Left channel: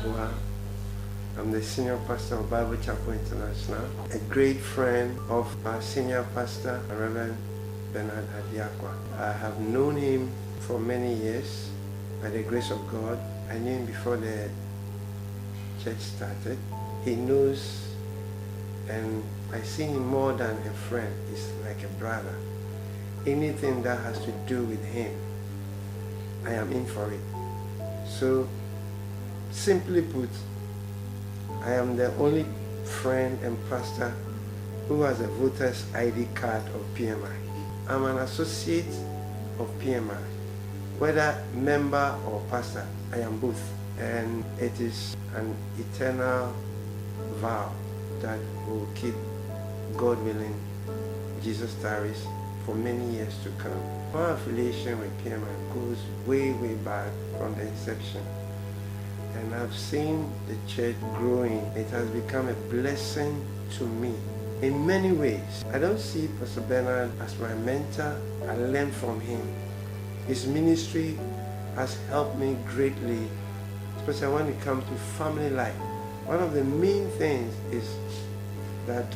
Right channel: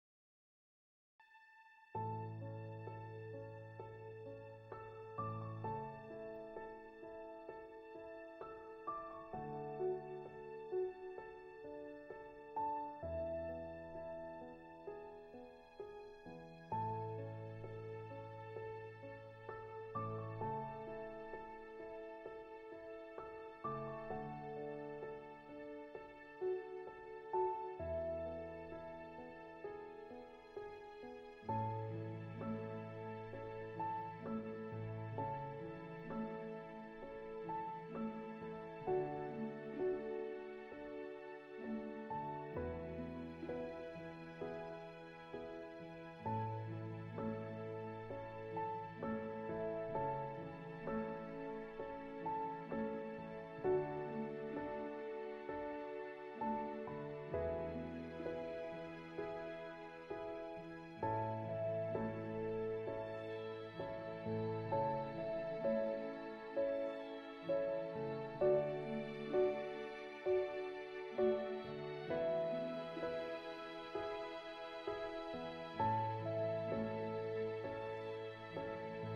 Yeboah. I'm the senior pastor of Bible Chapel International, a great friend of our senior pastor, Reverend Bernard Adiakwa. I have known him for many years by the grace of God. I knew him before the church started. He knows, and I see him more than a friend. He's like a brother. Anything that has to do with him, I am in for it. So, simply put, I am the only friend and pastor who has a voter's ID card of PMI. I'm an associate of PMI. Whether member or pastor, I am both. And it is an eternal vow that will keep, God willing, Jesus tarries, for many years to come. My affiliation with PMI goes way, way back from the inception. And I've seen the church growing. It has become a blessing to me in many ways. I don't see Pastor Bernard as my mentor. I learned from him. His ministry has helped me greatly, especially when it comes to family life. One of the main things is that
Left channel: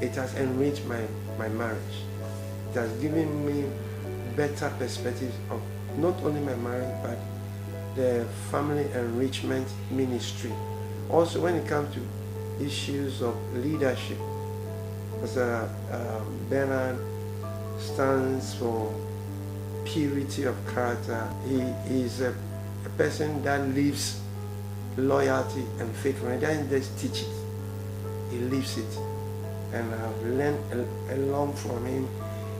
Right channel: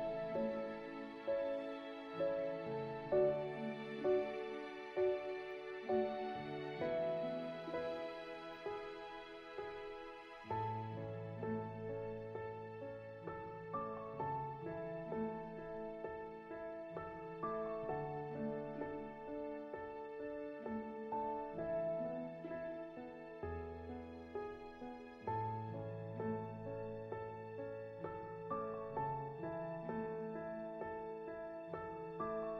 it has enriched my marriage. It has given me better perspectives of not only my marriage, but the family enrichment ministry. Also, when it comes to issues of leadership, Pastor Bernard stands for purity of character. He is a person that lives loyalty and faithfulness. He doesn't just teach it, he lives it. And I've learned a lot from him.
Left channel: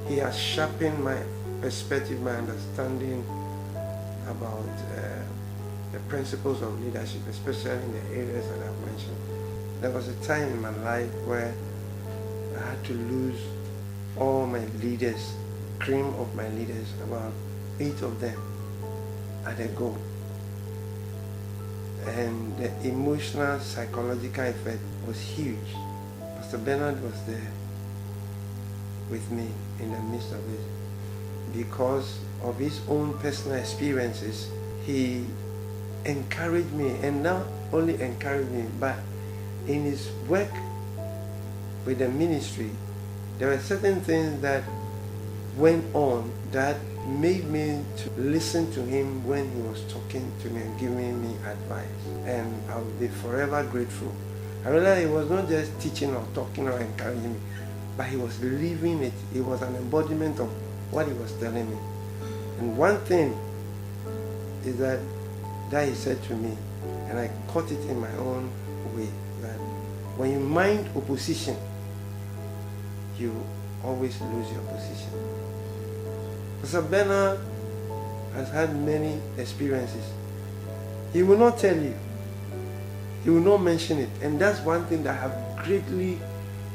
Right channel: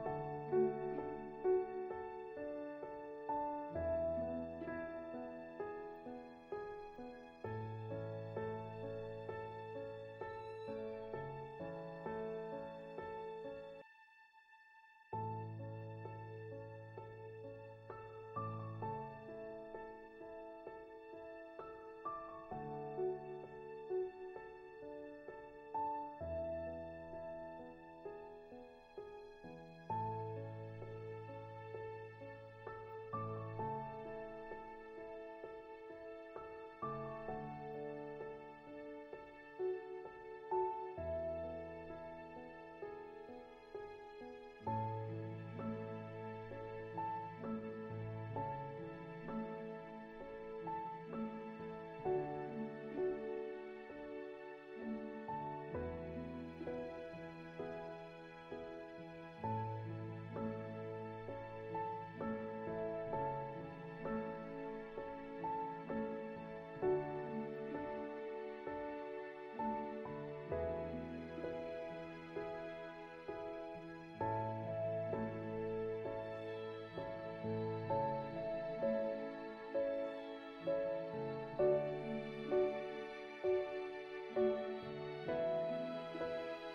He has sharpened my perspective, my understanding about the principles of leadership, especially in the areas that I've mentioned. There was a time in my life where I had to lose all my leaders, cream of my leaders, about 8 of them at a go. And the emotional, psychological effect was huge. Pastor Bernard was there with me in the midst of it. Because of his own personal experiences, he encouraged me, and not only encouraged me, but in his work with the ministry, there were certain things that went on that made me to listen to him when he was talking to me and giving me advice. And I will be forever grateful. I realized he was not just teaching or talking or encouraging me, but he was living it. It was an embodiment of what he was telling me. And one thing is that he said to me, and I caught it in my own way, that when you mind opposition, you always lose your position. Pastor Bernard has had many experiences. He will not tell you. He will not mention it. And that's one thing that I have greatly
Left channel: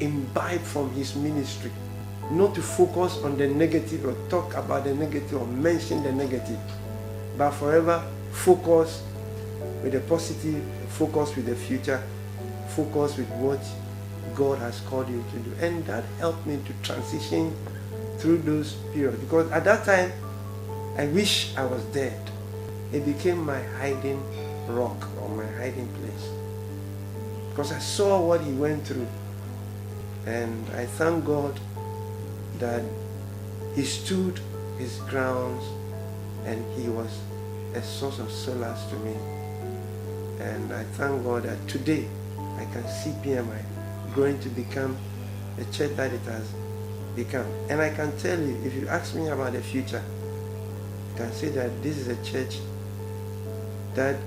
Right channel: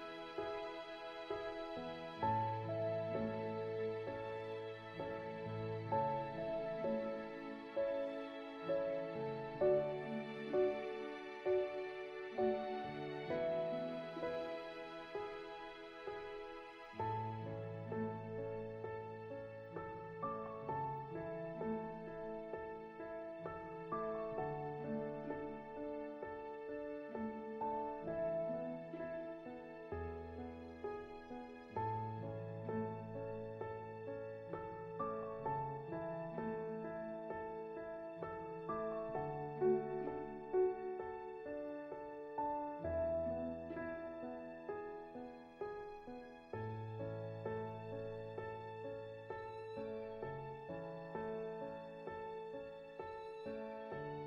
imbibed from his ministry. Not to focus on the negative or talk about the negative or mention the negative, but forever focus with the positive, focus with the future, focus with what God has called you to do. And that helped me to transition through those periods, because at that time I wish I was dead. It became my hiding rock or my hiding place, because I saw what he went through. And I thank God that he stood his grounds and he was a source of solace to me. And I thank God that today I can see PMI growing to become the church that it has become. And I can tell you, if you ask me about the future, I can say that this is a church that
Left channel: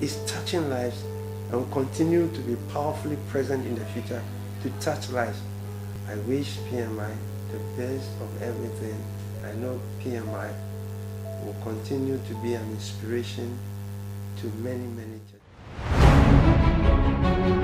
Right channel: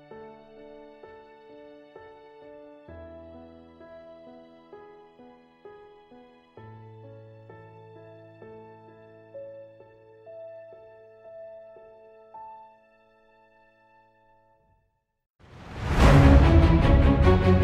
is touching lives and will continue to be powerfully present in the future to touch lives. I wish PMI the best of everything. I know PMI will continue to be an inspiration to many, many churches.